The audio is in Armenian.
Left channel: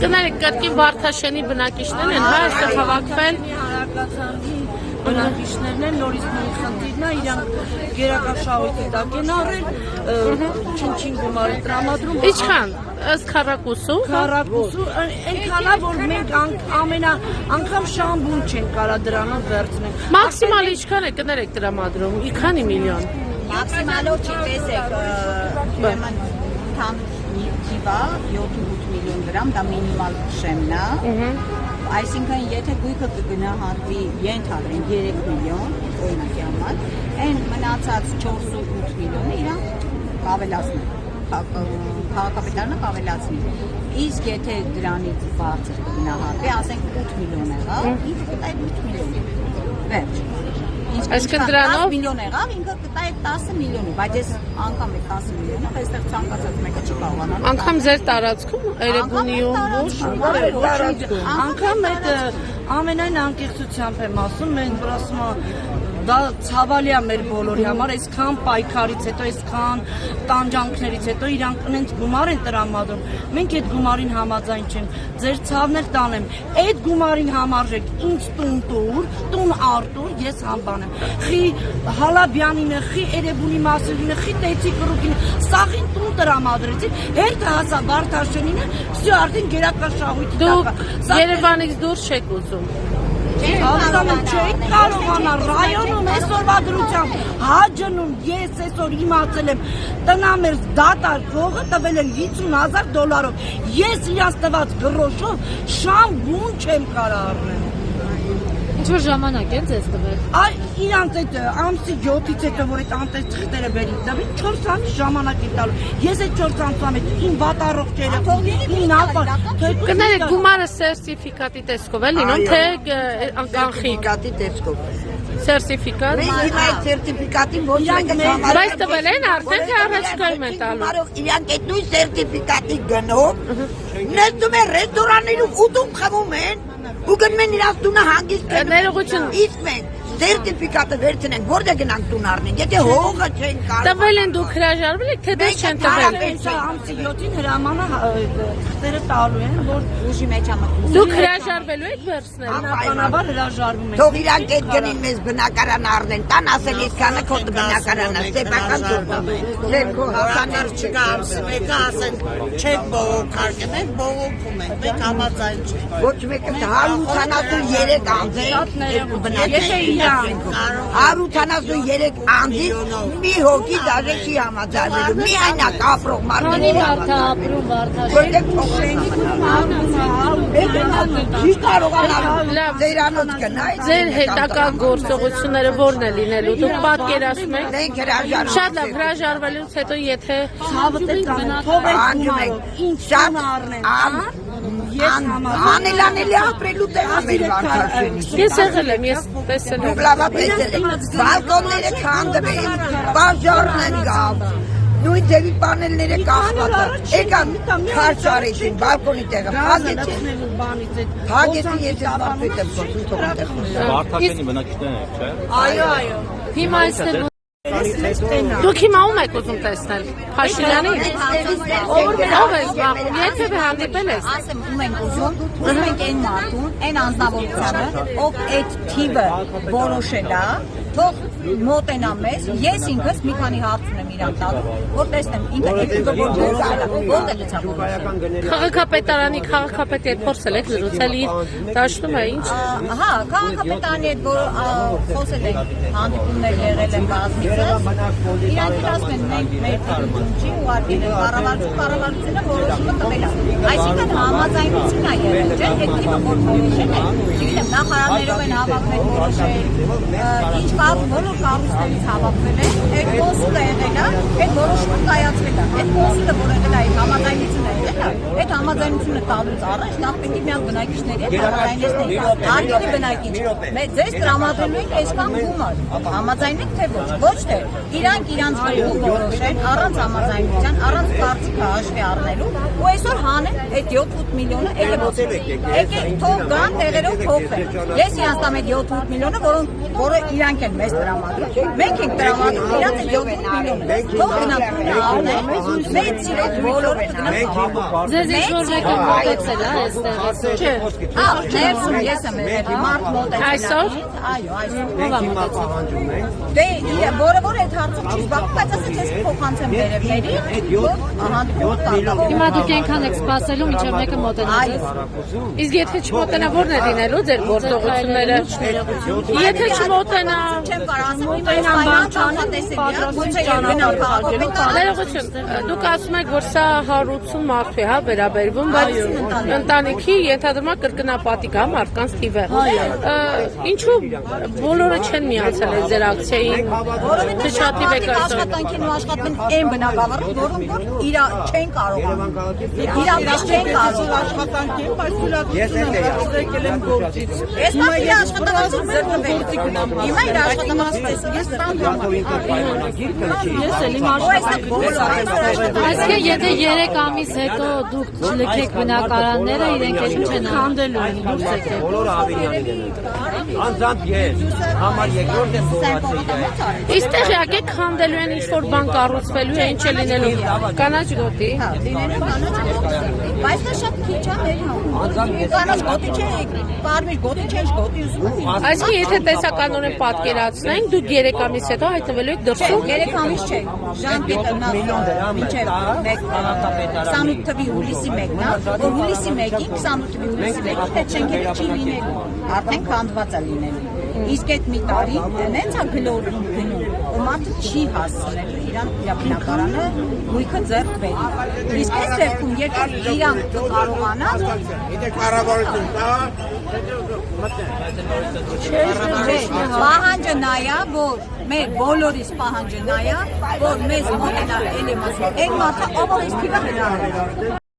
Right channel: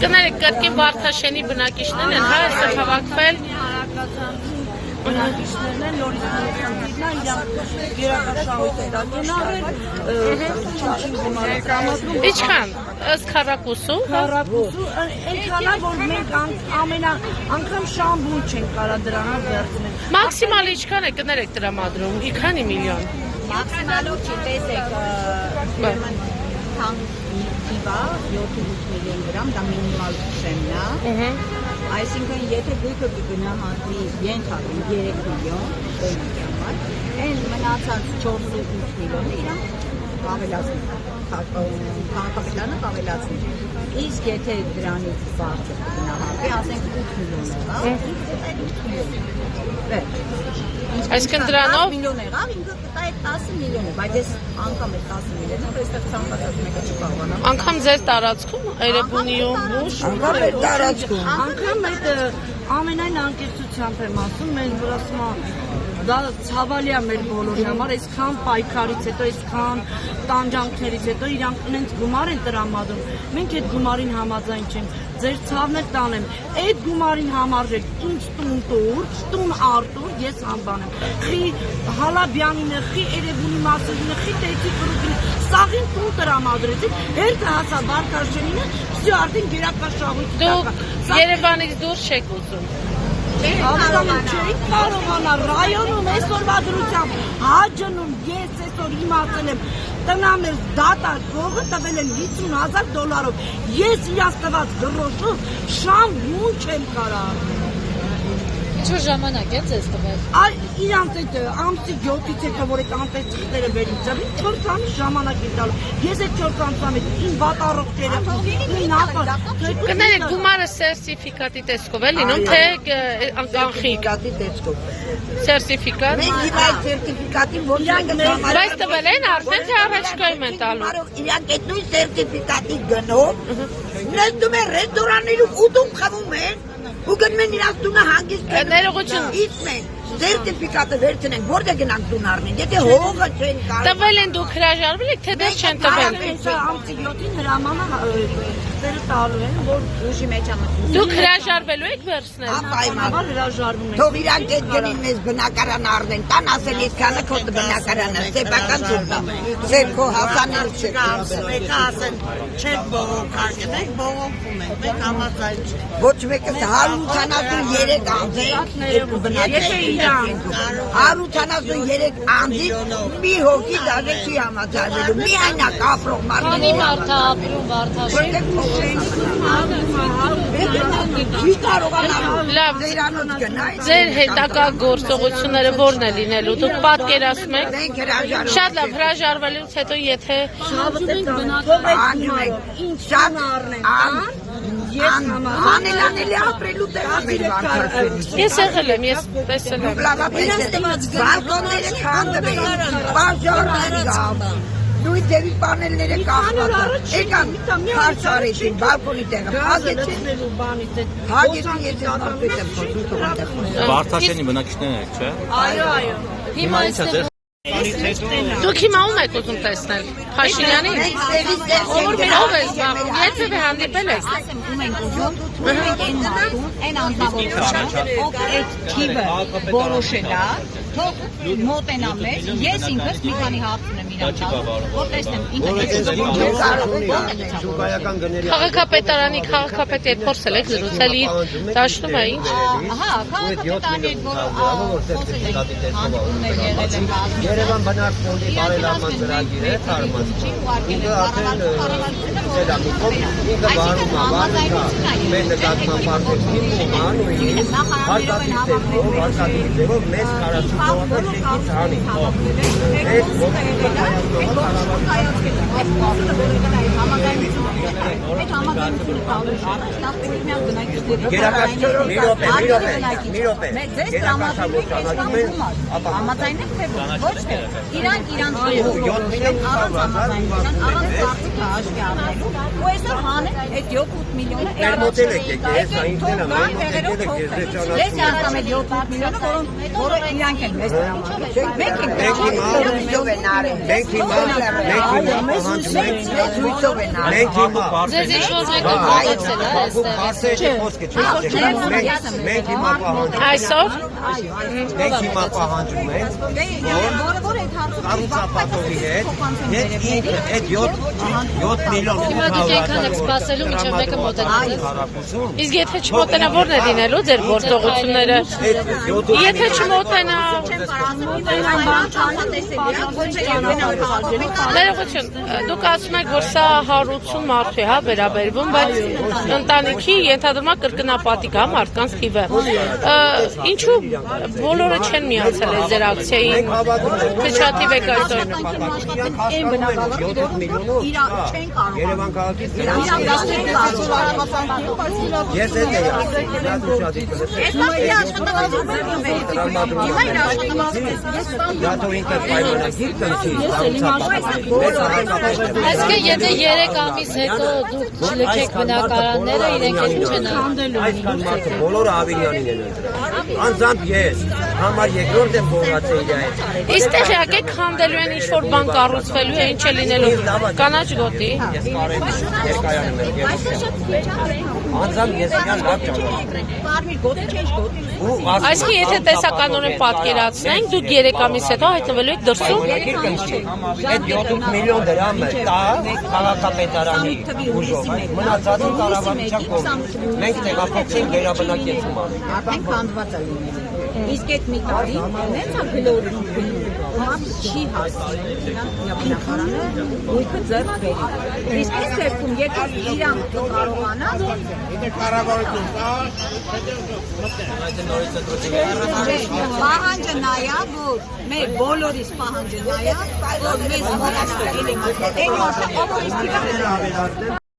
Կներեք կրկին Վարդաշենի բնակիչներն են, հա, այստեղ հավաքվել բնակիչներն են, նորից խնդիրն է, իրանք գերակաշահույթ է դա կենարել, չին գումարի տրամադրում։ Ինչքան, ըստ քառակուսու։ Քառակուսու, այնքանա, որ մենք անգամ շամբուն չենք կարա դրանով վերցնել։ Մաքսիմալ ինչքան է կներեք տրամադրում, քանի միլիոն։ Մաքսիմալով չտեսեք թիվա 7-8 միլիոն դրամ, դա մինիմալ շեմն է։ Այսինքն եթե գույքը կգնահատվի ենթադրենք 3 միլիոն, օրինակի համար, այն մնացած 4-8 միլիոնը իրանք կավելացնի, քաղաքապետարանը կավելացնի։ Իսկ եթե դրանից բարձր կգնահատվի, ասենք 8 միլիոն եղավ, այդ 8 միլիոն վերջ։ Այսինքն դրանով միլիոն եղավ, ինքը կտա այդ 10 միլիոնը, բայց ես անգամ այդ 10 միլիոնը, այստեղ ցանկացած մեկը չկարողանա։ Անգամ ձեր տարածքում, Էրեբունիում, ոչ տարածքում։ Անգամ այդ ամենայն անկեղծությամբ եմ ասում, մենք որ ասում դա ցավալի է մեր բոլորի համար, այսքան պայքարից հետո, այսքան տանջանքներից հետո իրանք ունեն գումար են տրամադրում։ Մենք այդ գումարին համաձայն չենք։ Ձեր ցավն էլ տանեմ։ Այդ գումարին համարժեք ինձ տուն տուր, տուն Արտուր, ես անվանեմ։ Խի Հալաբյանին է, խի Էրեբունի մասերին է, խի Տետի գրուպին, սաղին տուն տրամադրեցիք, հերթը հասա Վարդաշենինը, всё արդեն գերակաշահույթ։ Դուք Երևանից դուրս չեք ուզում։ Չեք կարողանա ռայոնում այսօրվա դրությամբ հաջնում ես այսօր իմացել եմ տնամես դատա գողը տվել են $50,000 ես իրաց տված գրոշով շամ բուն չեմ կարա առնել Ինչ ժամանակ են ձեզ տվել։ Այ իրանց այդ ամսի 7-ից հետո որ այդ անտես թղթերը բերին ձեւի 4 ամիս ժամանակ է տալու ես այդ 4 ամսից իմ վատառողջերը իմ նախը Կներեք գումարը սերտիֆիկատի տեսքով է լինում, թե կանխիկ տեսքով։ Սերտիֆիկատ։ Մենք հիմա այդ սերտիֆիկատին ոչ մեկը Բայց տվել են արդեն թե առաջկայում են տալու։ Իրանք այդ նույն սերտիֆիկատի գնով նետում են ռեստորաններում ուտում խմում են ու գնում են իրաց տունը հանգիստ Ներողություն։ Իսկ մենք սերտիֆիկատը վերցնենք որտե գնանք տուն առնենք եթե հողը չեն կարող Տվել են դուք հրաժարվել եք թե դες չեն տվել։ ամսի 7-ին հրամանը տալու են որ ուժի մեջ ամը Դուք հրաժարվելու եք վերցնել։ բնականաբար հրաժարվում են Թող իրանք այդ գնին մեզ բնակարան առնեն տան ասեն այսքանը քո բնակարանը սեփական չունի ձեր քո հասանելի չէ Եթե ասեն չեք բողոքարկել եք բողոքում եք դե համաձայն չեք ոչ մեկը 183 անձի բնակարան 183 անձի մի հոգի դաժե չի համաձայնելու միայն ապրող մարդը Մարդ ապրում Վարդաշեն։ որտեղ չի կարողանալու Լավ, ձերանոց գնայ ձեր հետակա գործողությունները ո՞րն է լինելու։ Դուք պատկերացնում եք։ մենք հրաժարվում Շատ լավ, հրաժարվելուց հետո եթե Շահջուբին բնակարան շատ անելանելի ապրելու տեղացիր Ես եղել եմ, ես տեսել եմ։ բալկոնները քանդում էին բաժարներ գավ նույն ձերի պանելները կախված եկան քարչ արեցին բալկոնի տեղը հագեցին ես ապարքույտ եմ խոսում թող այնտեղ Վարդաշենի բնակիչներն եք, չէ՞։ Այո Հիմա այստեղ Դուք հիմա ում եք ուզում տեսնել։ Փաշինյանին։ Ով է զբաղվում, եթե հանդիպել եք։ Ասեմ ում ենք ուզում այն մարդուն, այն անձնավորությունը, ով այդ թիվը որոշել է, թող մոտենա մեզ, ես ինքս մի քանի հարց ունեմ իրան տալ, որ տեսնեմ ինքը այդ Քաղաքապետարանի քաղաքապետի հետ փորձել եք զրուցել իր դաշտում է ինչ։ Ահա, քաղաքապետարանի հետ որ խոսել են, հանդիպումներ եղել են բազմիցս, իրանք ասում են մենք մեր թիվի չի ուղարկել են կառավարությունը որոշումը տվել է։ Այսինքն համաձայնություն է եղել, չէ՞, այդ թիվը որ որոշել է, նախարարներով են հավաքվել որոշել, ինչ որոշ կառույցներից հավաքվել են, այդ խոսքը եղել է, այդ որոշումը կայացվել է, այդ խոսքը որ եղել է համաձայնություն է եղել, այդ համաձայնությունը տալուց առաջ նախ պետք է միան բնակիչների ձեզ տրամադրում եք այս կողմում համաձայնեք թե ոչ թե իրանք իրանց գործեն առանց համաձայնության, առանց կարծիքը հաշվի առնելու ու այսօր հանեն այդ 7-8 միլիոնը եկեք թող գան տեղերը փոխել։ Ես հասկանում եմ 7-8 միլիոնը, որը իրանք են մեզ տրամադրում։ Մենք ենք տրամադրում, իրանք 7 միլիոն։ Ձեզ ինչ-որ մեկը մոտեցել է այստեղ։ Այսօր։ Որը այդ հարցում բայց ասեցի փոխանցեմ վերևների։ Հիմա դուք այնքան եք սպասելու, մինչև մեկը մոտենա։ Իսկ եթե չմոտենա, ո՞րն է դինելու ձեր գործողությունները։ Եթե չմոտենա, ներողություն, դուք ասում եք, որ սա հարություն մարդու է, հա, վերաբերվում, բայց ընտանիքի ենթադրում է կրկնապատիկ, հա, մարդկանց թիվը։ Ինչու բոլորը չեն միացել այս ձեր ակցիային, թե շատիվ եք այսօր։ Այն բնակավարը, որոնք իրար չեն կարողանում։ Իրար չեն կարողանում։ Ես Իսկ եթե 3 ամիս հետո դուք չլքեք բնակարանները, իրենք էլ չեն Քանդելու են դուք եք։ Բոլորը ավիրյամին են։ Անձամբ ես համար երկրորդ եմ գողացել իրայից։ Իսկ տեղյակ եք քանդելու են ինչ-որ բան կառուցվելու է, ինչ է լինելու կանաչ գոտի։ Բայց շատ քիչ է։ Անձամբ ես Կարմիր գոտի չես գոտի։ Այսինքն եթե տեսականորեն պատկերացնենք, դուք 3 ամիս հետո հայտնվելու եք դրսում։ 3 ամիս չէ։ այդ 7 միլիոն դրամ է տա քաղաքապետարանի ուժով։ Մնացածը կառավարության կողմից։ Մենք տեղափոխենք վերաբնակեցում անում։ Արդեն քանդված է լինելու։ Իսկ այդ մի տարի նենց է գլորում գնում։ Ու մարդը չի հասցնել իրան իրականանը գույքը ձեռք բերի։ Իսկ այս դեպքում եթե իրան կարողանան կառավարություն կա, պահանջը նայա, որ մեր բոլորիս պահանջը նայա, որ մեզ մոտ էլի մասը, այդ մասը ամորից թիվը հնարավոր։